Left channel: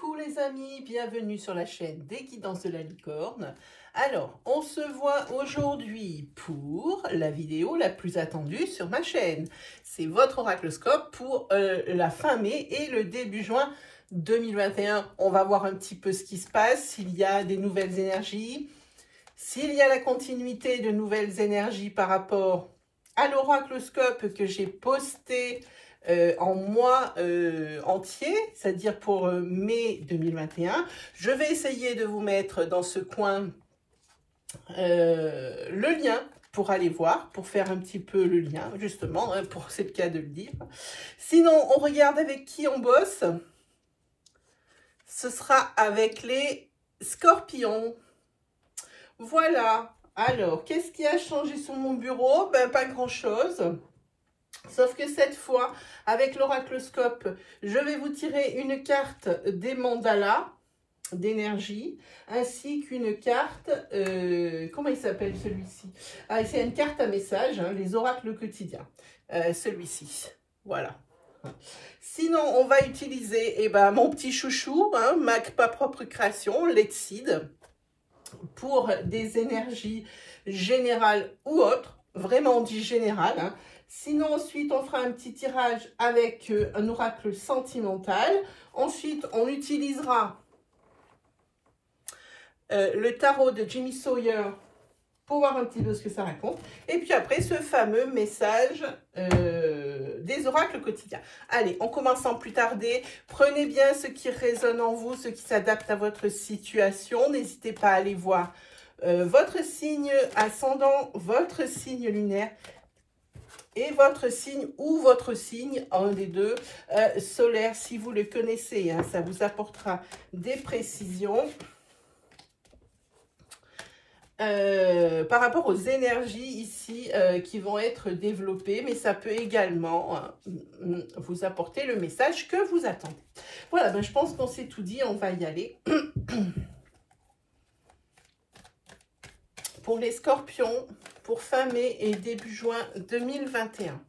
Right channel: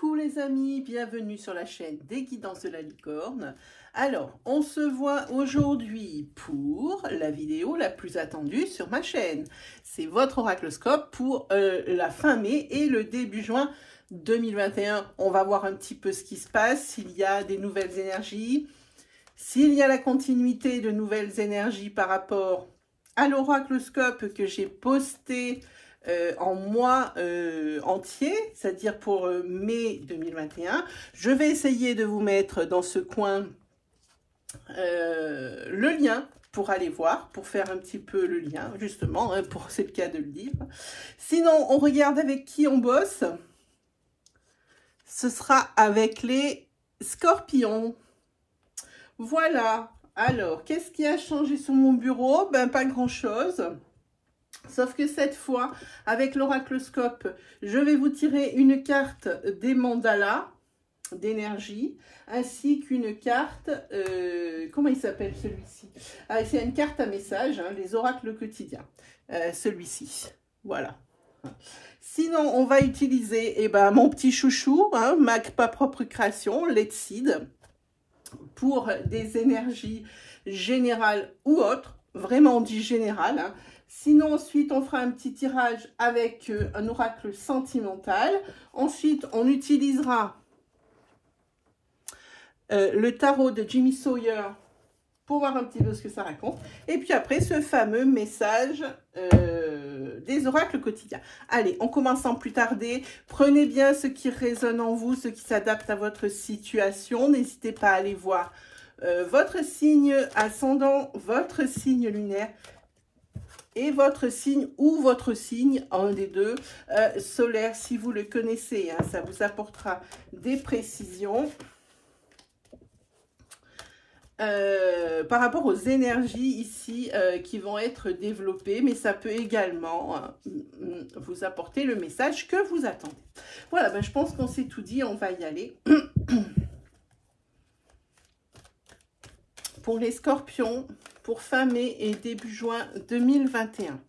Coucou les amis, bienvenue sur la chaîne des Guidances de la Licorne. Alors, on se voit aujourd'hui pour la vidéo la plus attendue sur ma chaîne. C'est votre oracloscope pour la fin mai et le début juin 2021. On va voir un petit peu ce qui se passe, s'il y a des nouvelles énergies, s'il y a la continuité de nouvelles énergies par rapport à l'oracloscope que j'ai posté en mois entier, c'est-à-dire pour mai 2021. Je vais essayer de vous mettre dans ce coin le lien pour aller voir, pour faire un petit peu le lien, justement, hein, pour c'est le cas de le dire. Sinon, on regarde avec qui on bosse. Ce sera avec les scorpions. Voilà. Alors, qu'est-ce qui a changé sur mon bureau? Ben, pas grand-chose. Sauf que cette fois, avec l'oracloscope, je vais vous tirer une carte des mandalas d'énergie, ainsi qu'une carte, comment il s'appelle celui-ci? Ah, c'est une carte à message, hein, les oracles quotidiens, celui-ci, voilà. Sinon, on va utiliser mon petit chouchou, hein, ma propre création, Letseed, pour des énergies générales ou autres, vraiment on dit générales, hein. Sinon, ensuite, on fera un petit tirage avec un oracle sentimental. Ensuite, on utilisera le tarot de Jimmy Sawyer pour voir un petit peu ce que ça raconte. Et puis après, ce fameux message des oracles quotidiens. Allez, on commence sans plus tarder. Prenez bien ce qui résonne en vous, ce qui s'adapte à votre situation. N'hésitez pas à aller voir votre signe ascendant, votre signe lunaire, et votre signe ou votre signe, un des deux, solaire, si vous le connaissez, hein, ça vous apportera des précisions par rapport aux énergies ici qui vont être développées, mais ça peut également vous apporter le message que vous attendez. Voilà, ben, je pense qu'on s'est tout dit, on va y aller. Pour les scorpions, pour fin mai et début juin 2021.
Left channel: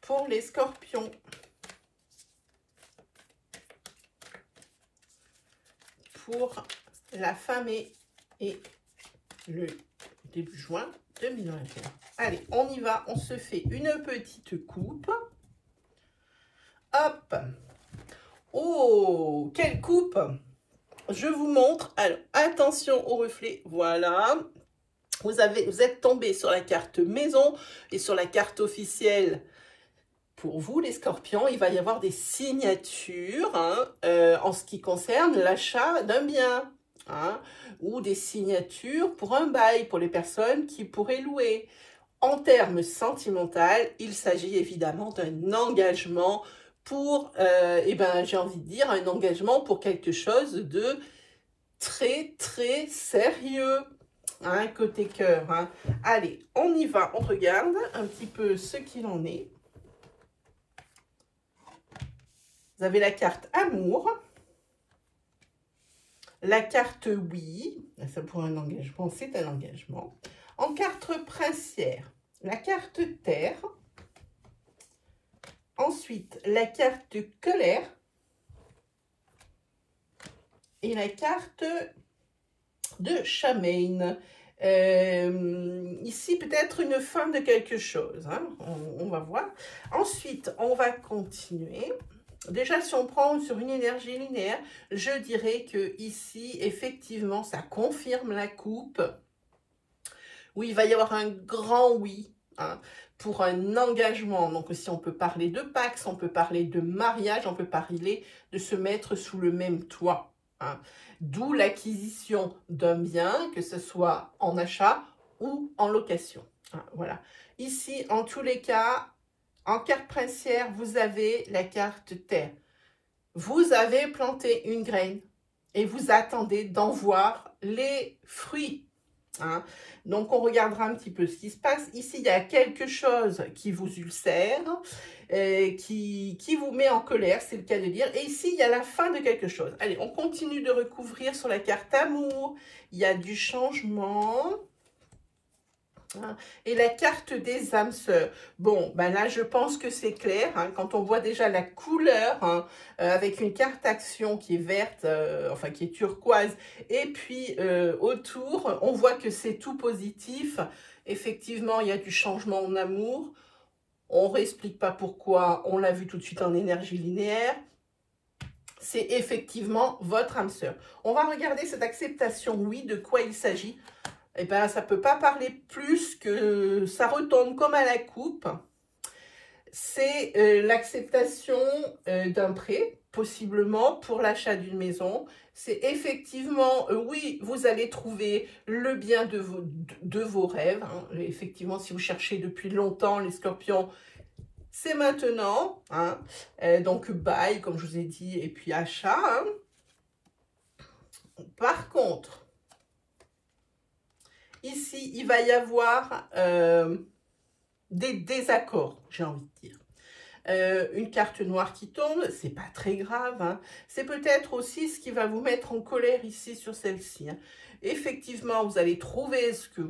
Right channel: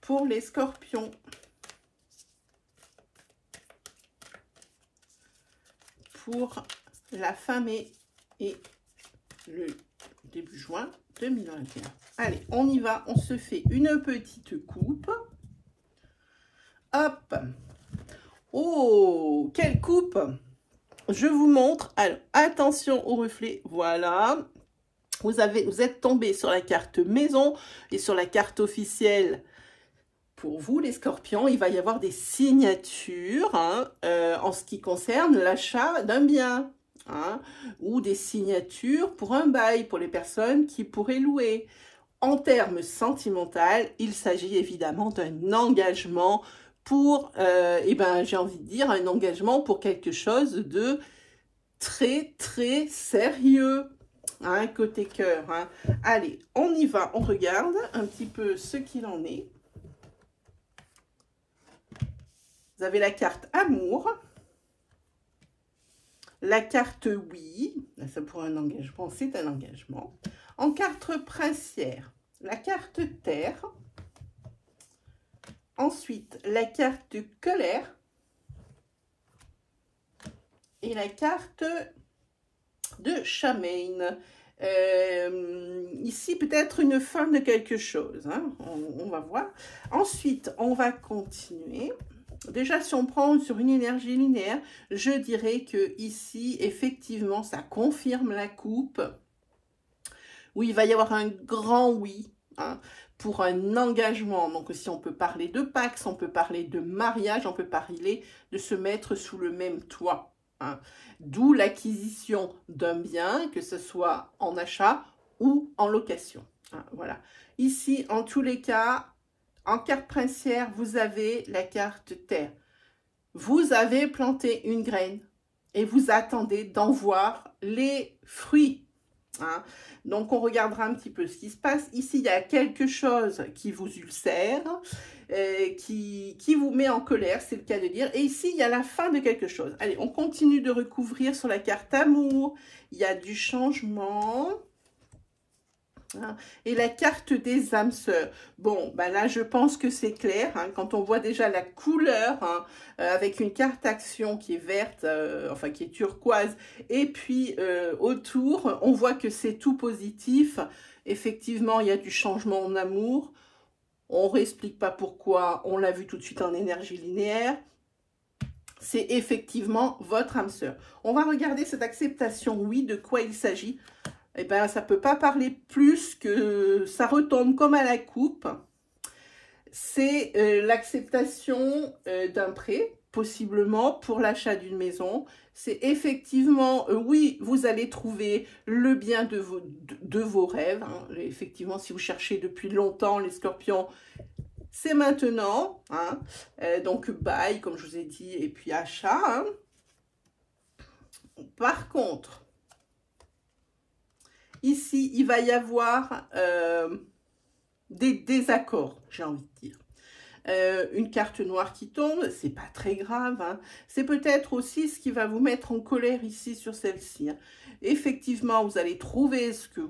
Pour les scorpions, pour la fin mai et le début juin 2021. Allez, on y va, on se fait une petite coupe. Hop! Oh, quelle coupe! Je vous montre. Alors, attention au reflet. Voilà. Vous êtes tombé sur la carte maison et sur la carte officielle. Pour vous, les scorpions, il va y avoir des signatures hein, en ce qui concerne l'achat d'un bien. Hein, ou des signatures pour un bail, pour les personnes qui pourraient louer. En termes sentimentaux, il s'agit évidemment d'un engagement pour, j'ai envie de dire, un engagement pour quelque chose de très, très sérieux, hein, côté cœur. Hein. Allez, on y va, on regarde un petit peu ce qu'il en est. Vous avez la carte amour, la carte oui, ça pour un engagement, c'est un engagement. En carte princière, la carte terre. Ensuite, la carte colère et la carte de Charmaine. Ici, peut-être une fin de quelque chose. Hein, on va voir. Ensuite, on va continuer. Déjà, si on prend sur une énergie linéaire, je dirais que ici, effectivement, ça confirme la coupe. Où il va y avoir un grand oui. Hein, pour un engagement. Donc, si on peut parler de Pax, on peut parler de mariage, on peut parler de se mettre sous le même toit. Hein. D'où l'acquisition d'un bien, que ce soit en achat ou en location. Hein, voilà. Ici, en tous les cas, en carte princière, vous avez la carte terre. Vous avez planté une graine et vous attendez d'en voir les fruits. Hein. Donc, on regardera un petit peu ce qui se passe. Ici, il y a quelque chose qui vous ulcère, qui vous met en colère, c'est le cas de dire. Et ici, il y a la fin de quelque chose. Allez, on continue de recouvrir sur la carte amour. Il y a du changement. Hein. Et la carte des âmes sœurs. Bon, ben là, je pense que c'est clair. Hein, quand on voit déjà la couleur, hein, avec une carte action qui est verte, enfin qui est turquoise, et puis autour, on voit que c'est tout positif. Effectivement, il y a du changement en amour. On ne réexplique pas pourquoi. On l'a vu tout de suite en énergie linéaire. C'est effectivement votre âme sœur. On va regarder cette acceptation, oui, de quoi il s'agit. Eh bien, ça ne peut pas parler plus que ça retombe comme à la coupe. C'est l'acceptation d'un prêt, possiblement pour l'achat d'une maison. C'est effectivement, oui, vous allez trouver le bien de vos rêves. Hein. Effectivement, si vous cherchez depuis longtemps, les scorpions, c'est maintenant. Hein. Donc, bail, comme je vous ai dit, et puis achat. Hein. Par contre, ici, il va y avoir des désaccords, j'ai envie de dire. Une carte noire qui tombe, c'est pas très grave. Hein. C'est peut-être aussi ce qui va vous mettre en colère ici sur celle-ci. Hein. Effectivement, vous allez trouver ce que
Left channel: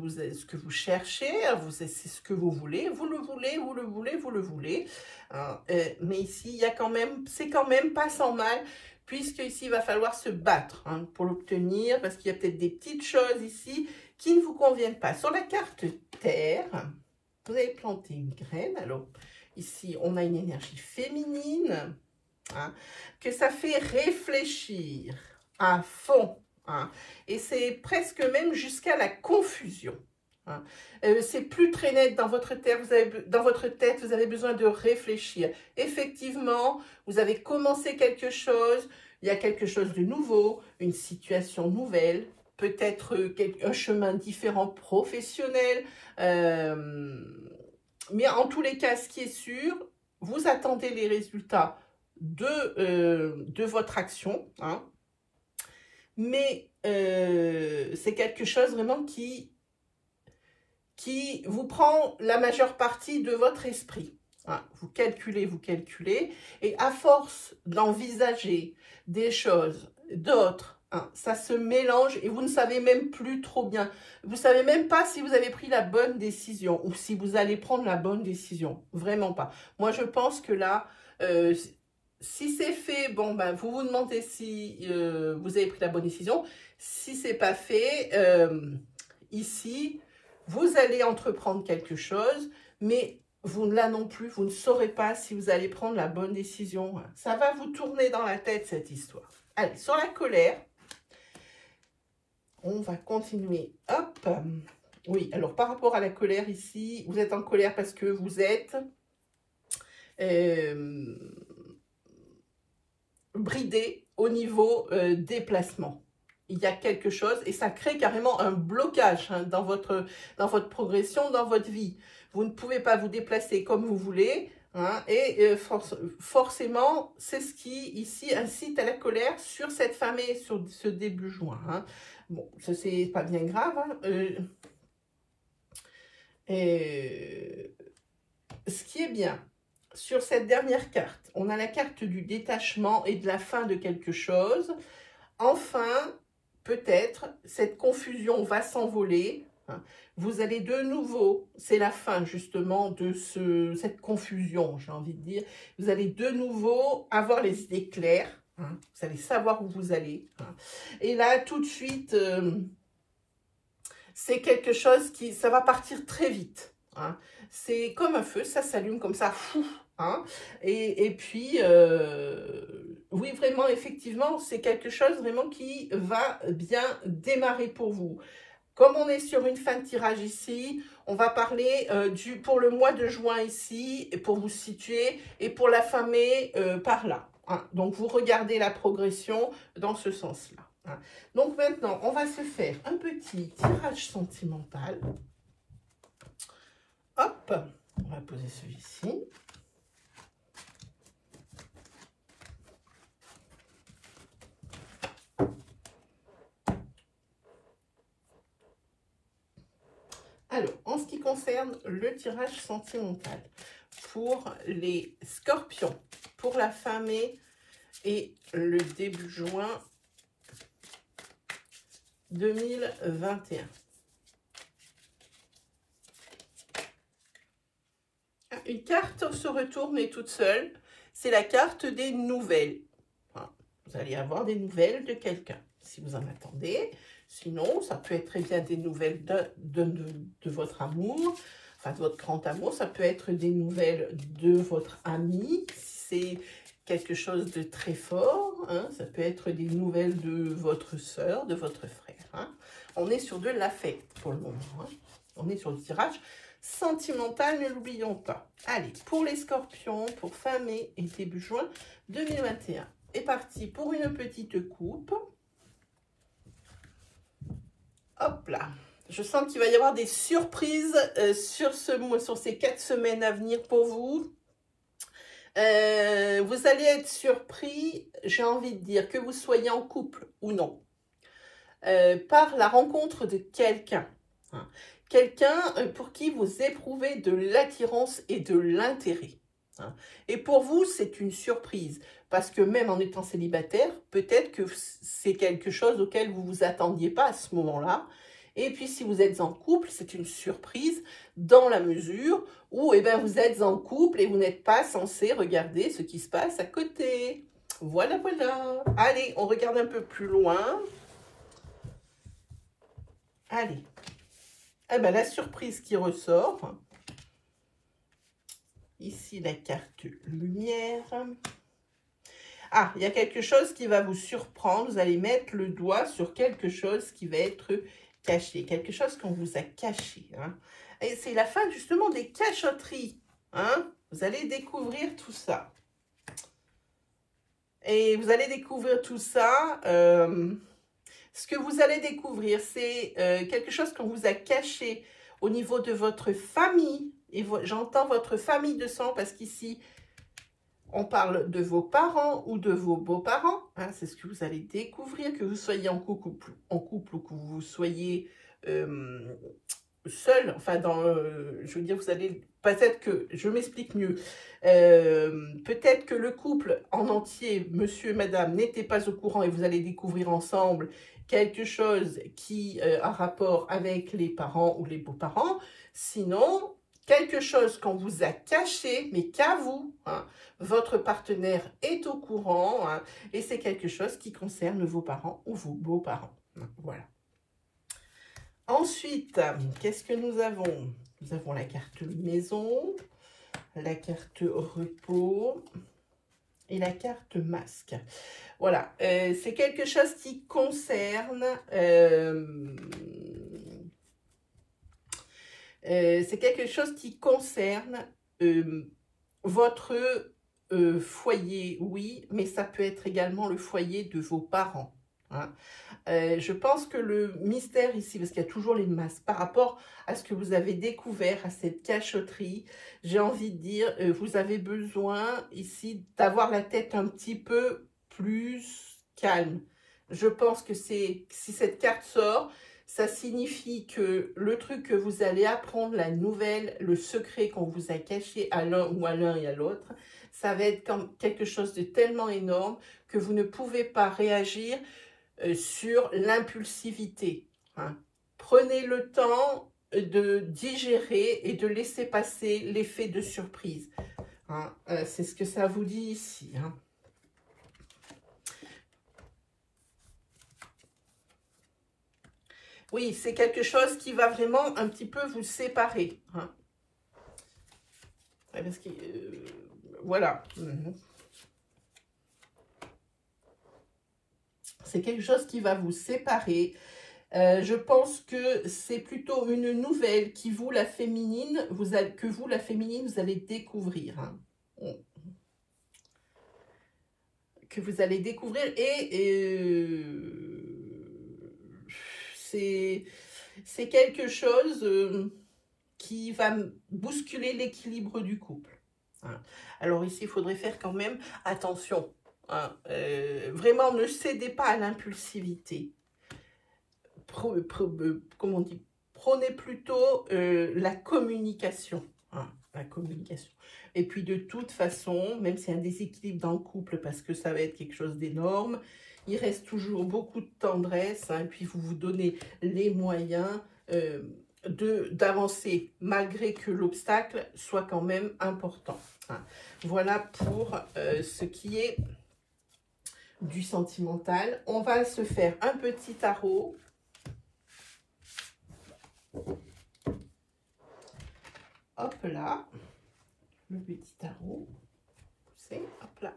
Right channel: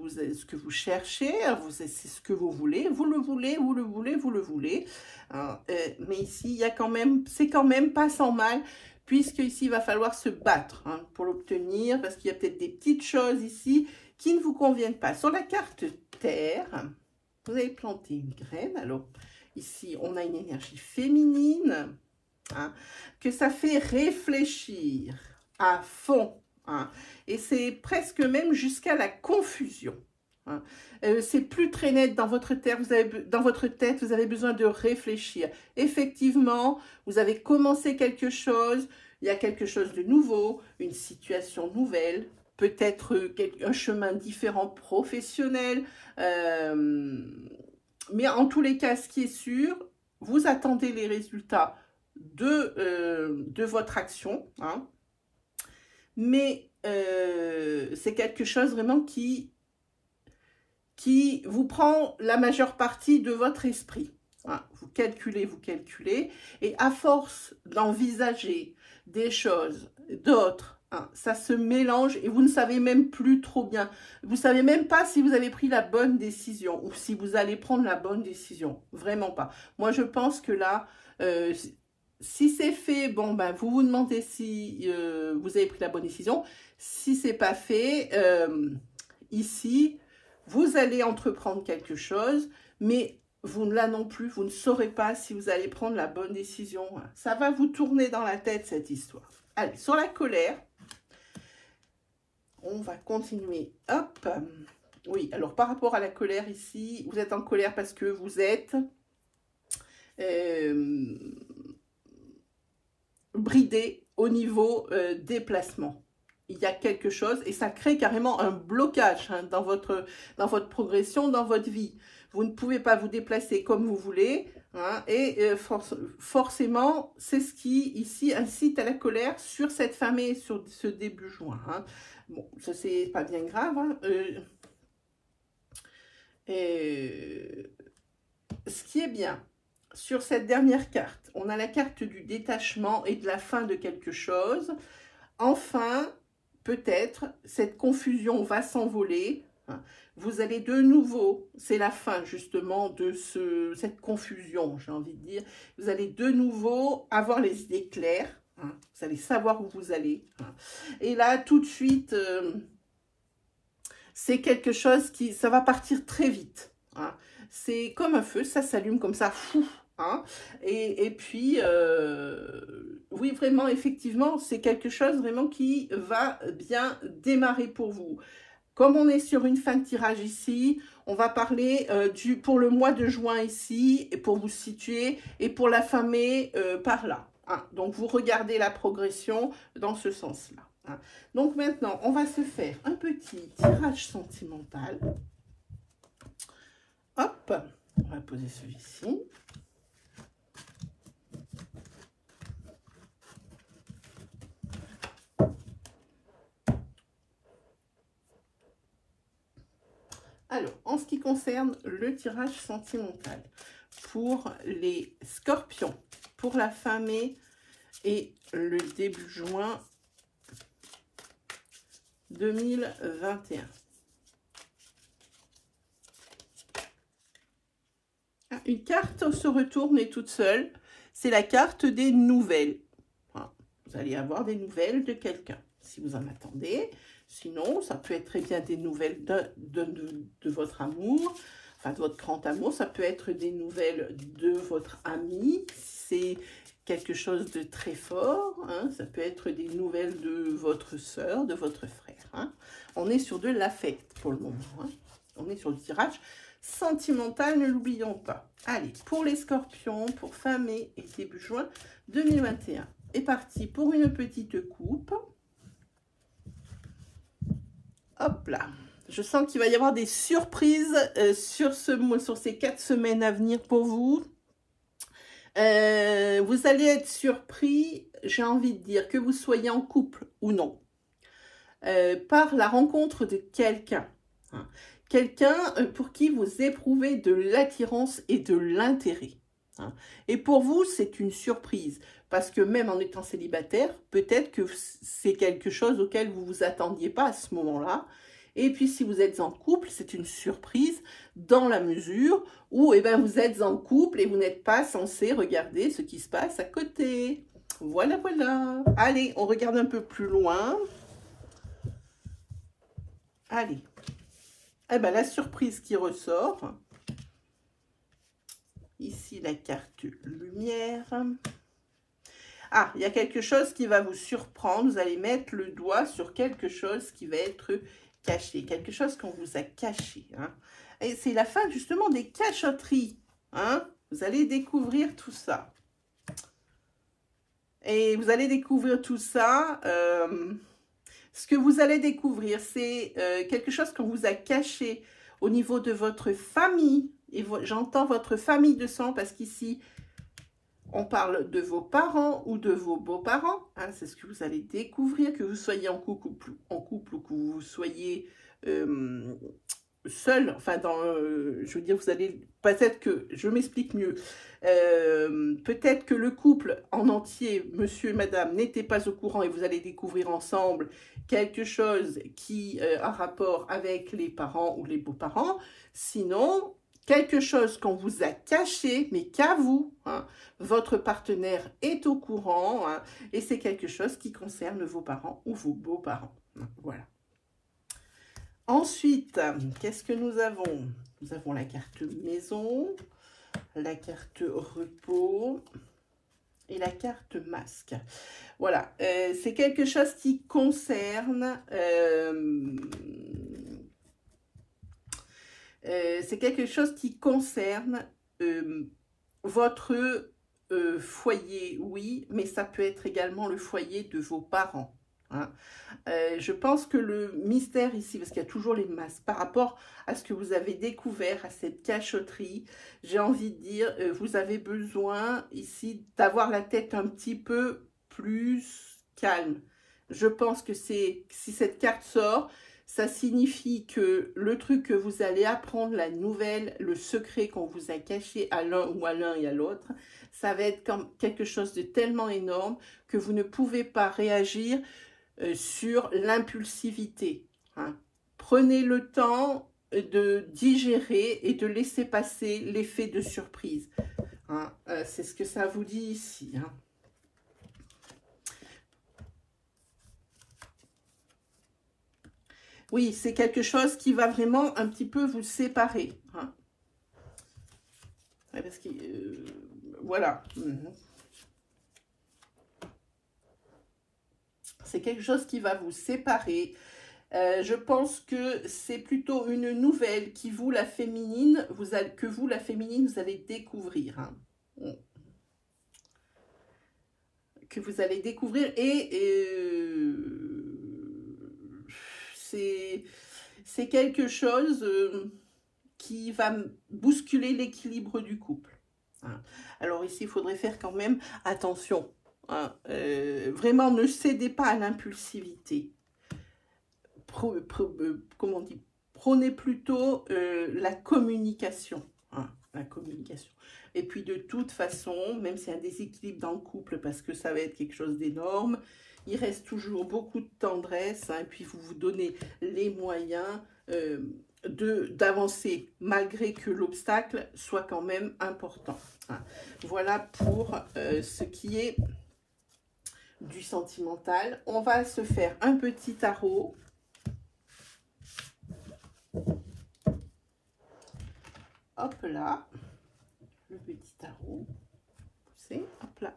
vous cherchez, c'est ce que vous voulez, vous le voulez, vous le voulez, vous le voulez. Hein. Mais ici, il y a quand même, c'est quand même pas sans mal, puisque ici, il va falloir se battre hein, pour l'obtenir, parce qu'il y a peut-être des petites choses ici qui ne vous conviennent pas. Sur la carte Terre, vous avez planté une graine. Alors, ici, on a une énergie féminine, hein, que ça fait réfléchir à fond. Hein, et c'est presque même jusqu'à la confusion. Hein. C'est plus très net dans votre tête, vous avez besoin de réfléchir. Effectivement, vous avez commencé quelque chose, il y a quelque chose de nouveau, une situation nouvelle, peut-être un chemin différent professionnel, mais en tous les cas, ce qui est sûr, vous attendez les résultats de votre action, hein, mais c'est quelque chose vraiment qui vous prend la majeure partie de votre esprit. Hein. Vous calculez, et à force d'envisager des choses, d'autres, hein, ça se mélange et vous ne savez même plus trop bien. Vous ne savez même pas si vous avez pris la bonne décision ou si vous allez prendre la bonne décision. Vraiment pas. Moi, je pense que là, si c'est fait, bon, ben, vous vous demandez si vous avez pris la bonne décision. Si ce n'est pas fait, ici, vous allez entreprendre quelque chose, mais vous, là non plus, vous ne saurez pas si vous allez prendre la bonne décision. Ça va vous tourner dans la tête, cette histoire. Allez, sur la colère, on va continuer. Hop. Oui, alors par rapport à la colère ici, vous êtes en colère parce que vous êtes bridé au niveau des placements. Il y a quelque chose et ça crée carrément un blocage hein, dans votre progression, dans votre vie. Vous ne pouvez pas vous déplacer comme vous voulez hein, et forcément, c'est ce qui ici incite à la colère sur cette femme et sur ce début juin. Hein. Bon, ça c'est pas bien grave. Hein. Ce qui est bien, sur cette dernière carte, on a la carte du détachement et de la fin de quelque chose. Enfin, peut-être, cette confusion va s'envoler. Vous allez de nouveau, c'est la fin justement de cette confusion, j'ai envie de dire. Vous allez de nouveau avoir les idées claires. Hein, vous allez savoir où vous allez. Hein. Et là, tout de suite, c'est quelque chose qui, ça va partir très vite. Hein. C'est comme un feu, ça s'allume comme ça, fou. Hein. Et puis, oui, vraiment, effectivement, c'est quelque chose vraiment qui va bien démarrer pour vous. Comme on est sur une fin de tirage ici, on va parler pour le mois de juin ici, et pour vous situer, et pour la fin mai par là. Hein. Donc, vous regardez la progression dans ce sens-là. Hein. Donc, maintenant, on va se faire un petit tirage sentimental. Hop, on va poser celui-ci. Alors, en ce qui concerne le tirage sentimental, pour les scorpions, pour la fin mai et le début juin 2021. une carte se retourne et toute seule. C'est la carte des nouvelles. Voilà. Vous allez avoir des nouvelles de quelqu'un, si vous en attendez. Sinon, ça peut être très bien des nouvelles de votre amour, enfin de votre grand amour. Ça peut être des nouvelles de votre ami. C'est quelque chose de très fort. Hein. Ça peut être des nouvelles de votre soeur, de votre frère. Hein. On est sur de l'affect pour le moment. Hein. On est sur le tirage sentimental, ne l'oublions pas. Allez, pour les scorpions, pour fin mai et début juin 2021. est parti pour une petite coupe. Hop là. Je sens qu'il va y avoir des surprises sur ces 4 semaines à venir pour vous. Vous allez être surpris, j'ai envie de dire, que vous soyez en couple ou non, par la rencontre de quelqu'un. Hein. Quelqu'un pour qui vous éprouvez de l'attirance et de l'intérêt. Hein. Et pour vous, c'est une surprise. Parce que même en étant célibataire, peut-être que c'est quelque chose auquel vous ne vous attendiez pas à ce moment-là. Et puis, si vous êtes en couple, c'est une surprise dans la mesure où eh ben, vous êtes en couple et vous n'êtes pas censé regarder ce qui se passe à côté. Voilà, voilà. Allez, on regarde un peu plus loin. Allez. Eh ben, la surprise qui ressort. Ici, la carte lumière. Ah, il y a quelque chose qui va vous surprendre. Vous allez mettre le doigt sur quelque chose qui va être caché. Quelque chose qu'on vous a caché. Hein. Et c'est la fin justement des cachotteries. Hein. Vous allez découvrir tout ça. Et vous allez découvrir tout ça. Ce que vous allez découvrir, c'est quelque chose qu'on vous a caché au niveau de votre famille. Et j'entends votre famille de sang parce qu'ici, on parle de vos parents ou de vos beaux-parents. Hein, c'est ce que vous allez découvrir, que vous soyez en couple ou que vous soyez seul. Enfin, je veux dire, vous allez... Peut-être que... Je m'explique mieux. Peut-être que le couple en entier, monsieur et madame, n'était pas au courant et vous allez découvrir ensemble quelque chose qui a rapport avec les parents ou les beaux-parents. Sinon... quelque chose qu'on vous a caché, mais qu'à vous, hein, votre partenaire est au courant, hein, et c'est quelque chose qui concerne vos parents ou vos beaux-parents. Hein, voilà. Ensuite, qu'est-ce que nous avons? Nous avons la carte maison, la carte repos et la carte masque. Voilà, c'est quelque chose qui concerne... c'est quelque chose qui concerne votre foyer, oui, mais ça peut être également le foyer de vos parents. Hein. Je pense que le mystère ici, parce qu'il y a toujours les masques, par rapport à ce que vous avez découvert, à cette cachotterie, j'ai envie de dire, vous avez besoin ici d'avoir la tête un petit peu plus calme. Je pense que si cette carte sort, ça signifie que le truc que vous allez apprendre, la nouvelle, le secret qu'on vous a caché à l'un ou à l'un et à l'autre, ça va être comme quelque chose de tellement énorme que vous ne pouvez pas réagir sur l'impulsivité. Hein. Prenez le temps de digérer et de laisser passer l'effet de surprise. Hein. C'est ce que ça vous dit ici. Hein. Oui, c'est quelque chose qui va vraiment un petit peu vous séparer. Hein. Parce que, voilà. C'est quelque chose qui va vous séparer. Je pense que c'est plutôt une nouvelle qui, vous, la féminine, vous allez découvrir. Hein. Que vous allez découvrir c'est quelque chose qui va bousculer l'équilibre du couple. Hein. Alors ici, il faudrait faire quand même attention. Hein. Vraiment, ne cédez pas à l'impulsivité. Comment on dit? Prenez plutôt la communication. Hein, la communication. Et puis de toute façon, même s'il y a un déséquilibre dans le couple, parce que ça va être quelque chose d'énorme, il reste toujours beaucoup de tendresse, hein, et puis vous vous donnez les moyens d'avancer malgré que l'obstacle soit quand même important. Voilà pour ce qui est du sentimental. On va se faire un petit tarot. Hop là, le petit tarot. Hop là.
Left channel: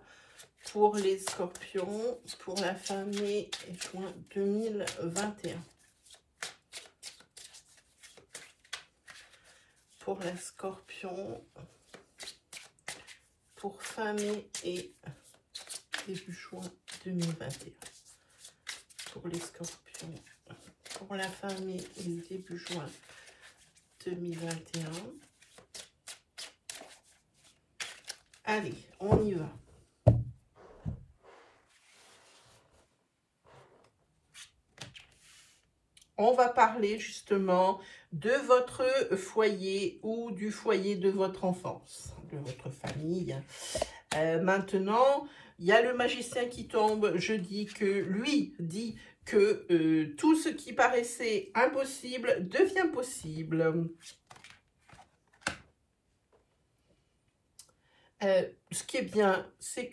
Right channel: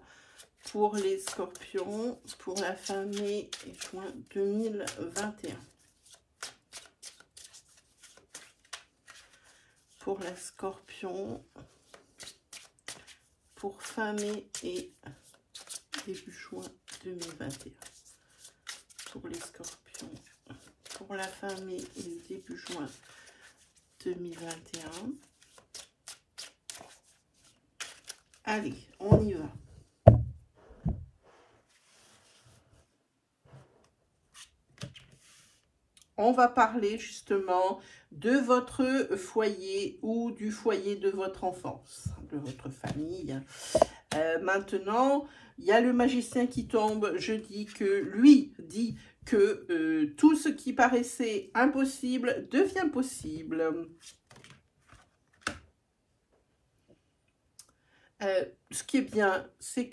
Pour les scorpions, pour la fin mai et juin 2021. Pour la scorpion, pour fin mai et début juin 2021. Pour les scorpions, pour la fin mai et début juin 2021. Allez, on y va. On va parler justement de votre foyer ou du foyer de votre enfance, de votre famille. Maintenant, il y a le magicien qui tombe. Je dis que lui dit que tout ce qui paraissait impossible devient possible. Ce qui est bien, c'est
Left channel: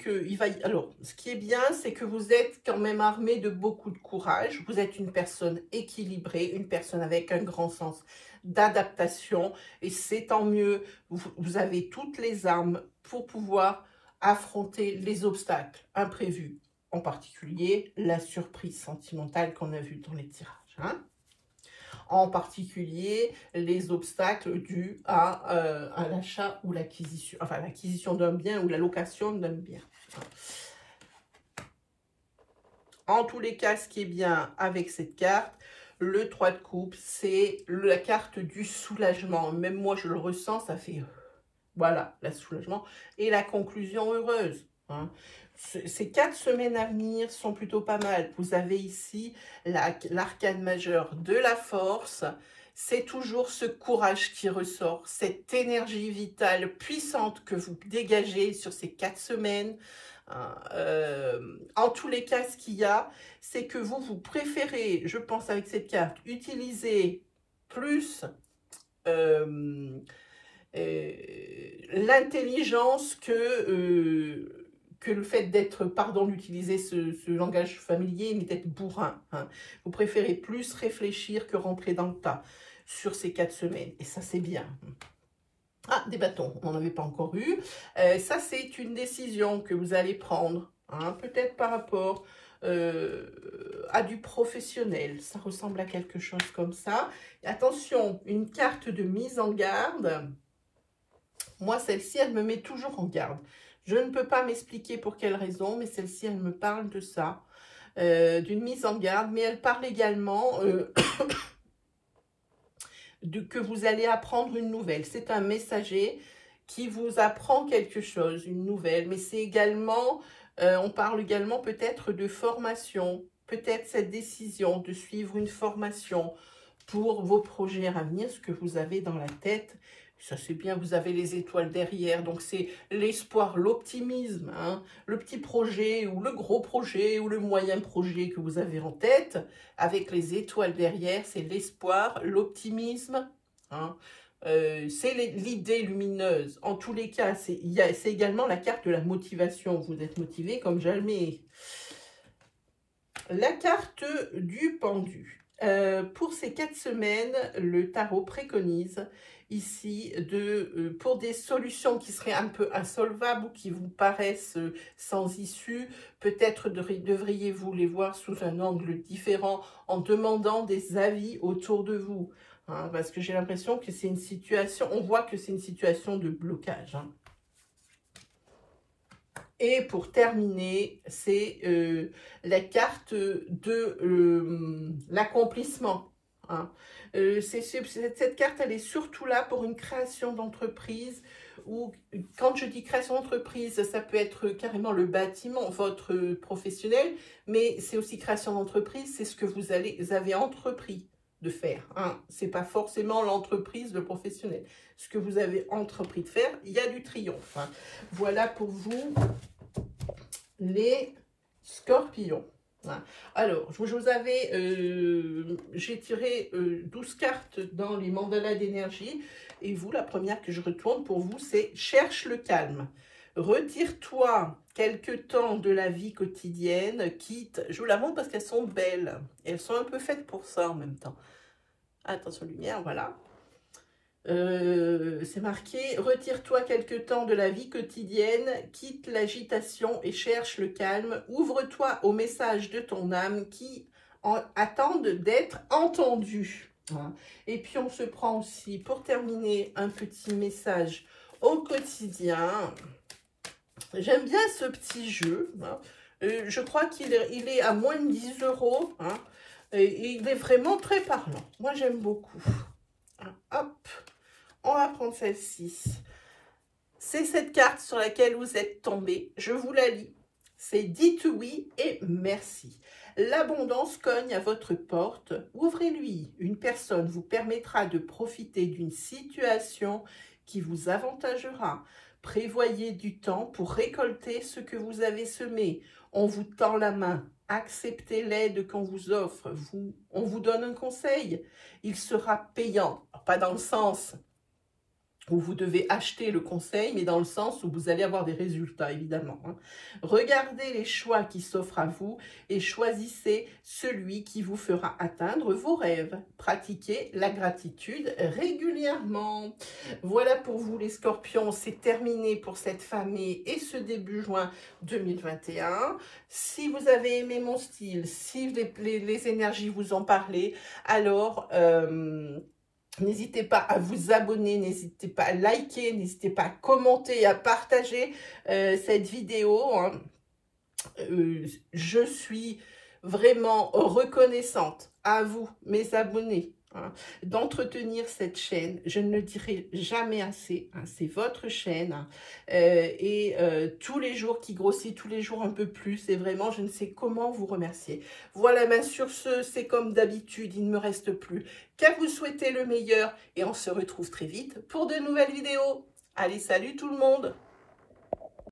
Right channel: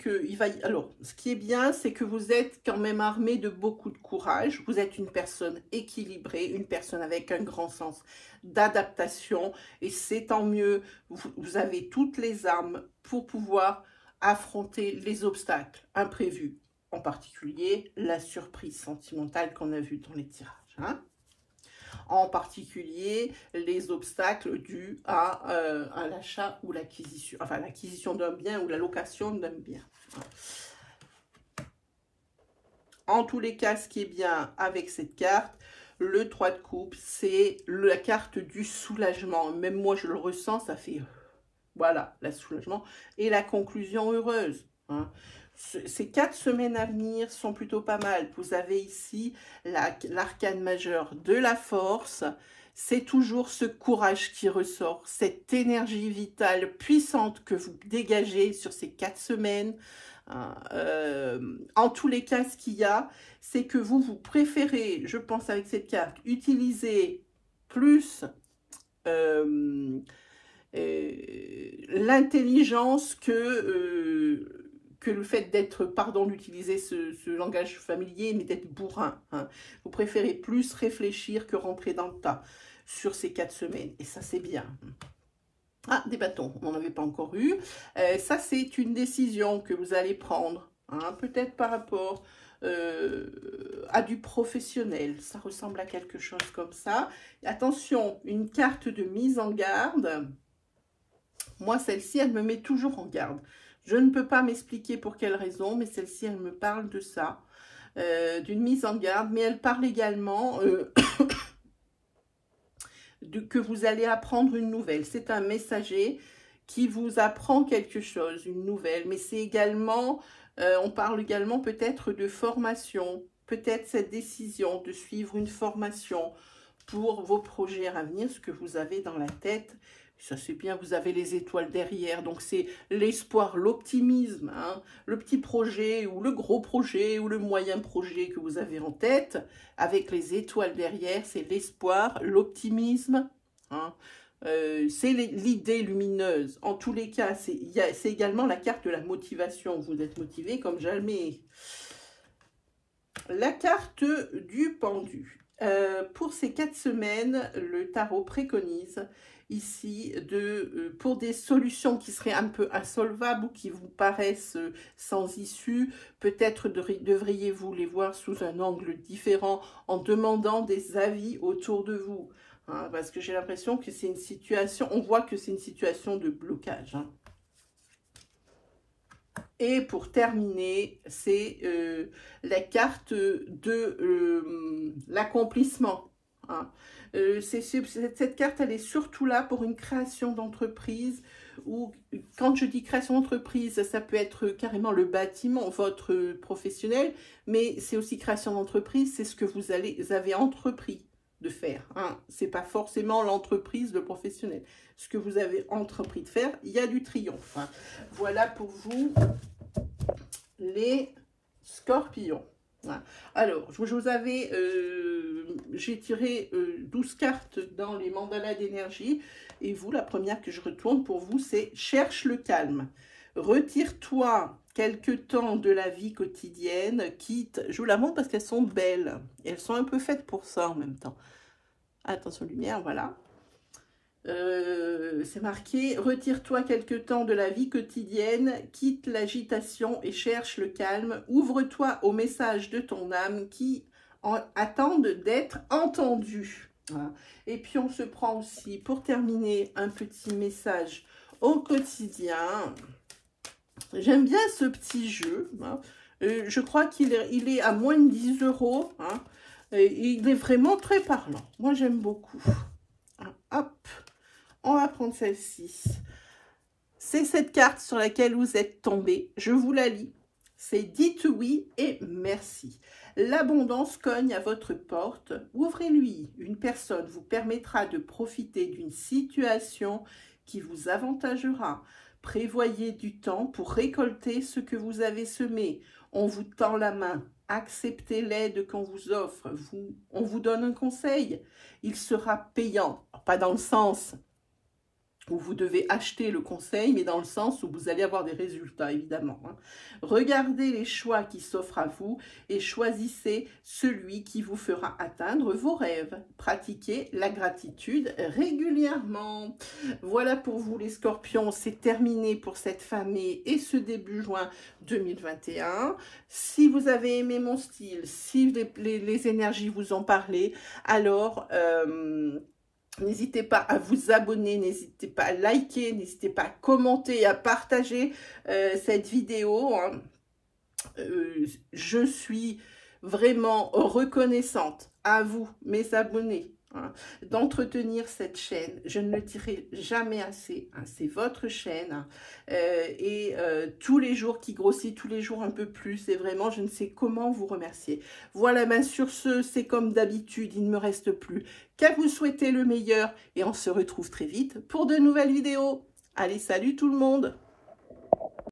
que vous êtes quand même armé de beaucoup de courage. Vous êtes une personne équilibrée, une personne avec un grand sens d'adaptation. Et c'est tant mieux, vous avez toutes les armes pour pouvoir affronter les obstacles imprévus. En particulier, la surprise sentimentale qu'on a vue dans les tirages. Hein. En particulier les obstacles dus à l'achat ou l'acquisition, enfin l'acquisition d'un bien ou la location d'un bien. En tous les cas, ce qui est bien avec cette carte, le 3 de coupe, c'est la carte du soulagement. Même moi, je le ressens, ça fait, voilà, le soulagement et la conclusion heureuse. Hein. Ces 4 semaines à venir sont plutôt pas mal. Vous avez ici l'arcane majeur de la force. C'est toujours ce courage qui ressort, cette énergie vitale puissante que vous dégagez sur ces 4 semaines. En tous les cas, ce qu'il y a, c'est que vous préférez, je pense avec cette carte, utiliser plus l'intelligence que le fait d'être, pardon d'utiliser ce langage familier, mais d'être bourrin. Hein. Vous préférez plus réfléchir que rentrer dans le tas sur ces 4 semaines. Et ça, c'est bien. Ah, des bâtons, on n'en avait pas encore eu. Ça, c'est une décision que vous allez prendre, hein, peut-être par rapport à du professionnel. Ça ressemble à quelque chose comme ça. Et attention, une carte de mise en garde. Moi, celle-ci, elle me met toujours en garde. Je ne peux pas m'expliquer pour quelle raison, mais celle-ci, elle me parle de ça, d'une mise en garde. Mais elle parle également que vous allez apprendre une nouvelle. C'est un messager qui vous apprend quelque chose, une nouvelle. Mais c'est également, on parle également peut-être de formation, peut-être cette décision de suivre une formation pour vos projets à venir, ce que vous avez dans la tête. Ça, c'est bien, vous avez les étoiles derrière, donc c'est l'espoir, l'optimisme, hein, le petit projet ou le gros projet ou le moyen projet que vous avez en tête, avec les étoiles derrière, c'est l'espoir, l'optimisme, hein, c'est l'idée lumineuse. En tous les cas, c'est également la carte de la motivation, vous êtes motivé comme jamais. La carte du pendu. Pour ces 4 semaines, le tarot préconise ici pour des solutions qui seraient un peu insolvables ou qui vous paraissent sans issue, peut-être devriez-vous les voir sous un angle différent en demandant des avis autour de vous. Hein, parce que j'ai l'impression que c'est une situation, on voit que c'est une situation de blocage. Hein. Et pour terminer, c'est la carte de l'accomplissement. Hein. Cette carte, elle est surtout là pour une création d'entreprise. Ou quand je dis création d'entreprise, ça peut être carrément le bâtiment, votre professionnel, mais c'est aussi création d'entreprise, c'est ce que vous avez entrepris de faire. Hein. Ce n'est pas forcément l'entreprise, le professionnel. Ce que vous avez entrepris de faire, il y a du triomphe. Hein. Voilà pour vous, les scorpions. Alors, je vous avais, j'ai tiré 12 cartes dans les mandalas d'énergie. Et vous, la première que je retourne pour vous, c'est « Cherche le calme ». Retire-toi quelque temps de la vie quotidienne, quitte... Je vous la montre parce qu'elles sont belles. Et elles sont un peu faites pour ça en même temps. Attention lumière, voilà. C'est marqué « Retire-toi quelque temps de la vie quotidienne, quitte l'agitation et cherche le calme. Ouvre-toi aux messages de ton âme qui attendent d'être entendus. » Et puis on se prend aussi, pour terminer, un petit message au quotidien. J'aime bien ce petit jeu. Je crois qu'il est à moins de 10 €. Et il est vraiment très parlant. Moi, j'aime beaucoup. Hop, on va prendre celle-ci. C'est cette carte sur laquelle vous êtes tombé. Je vous la lis. C'est « Dites oui et merci ». L'abondance cogne à votre porte. Ouvrez-lui. Une personne vous permettra de profiter d'une situation qui vous avantagera. Prévoyez du temps pour récolter ce que vous avez semé. On vous tend la main. Acceptez l'aide qu'on vous offre. On vous donne un conseil. Il sera payant. Pas dans le sens où vous devez acheter le conseil, mais dans le sens où vous allez avoir des résultats, évidemment. Regardez les choix qui s'offrent à vous et choisissez celui qui vous fera atteindre vos rêves. Pratiquez la gratitude régulièrement. Voilà pour vous les scorpions, c'est terminé pour cette famille et ce début juin 2021. Si vous avez aimé mon style, si les énergies vous ont parlé, alors... n'hésitez pas à vous abonner, n'hésitez pas à liker, n'hésitez pas à commenter, à partager cette vidéo. Je suis vraiment reconnaissante à vous, mes abonnés, d'entretenir cette chaîne. Je ne le dirai jamais assez, c'est votre chaîne. Tous les jours qui grossit, tous les jours un peu plus, et vraiment je ne sais comment vous remercier. Voilà, sur ce, c'est comme d'habitude, il ne me reste plus qu'à vous souhaiter le meilleur et on se retrouve très vite pour de nouvelles vidéos. Allez, salut tout le monde!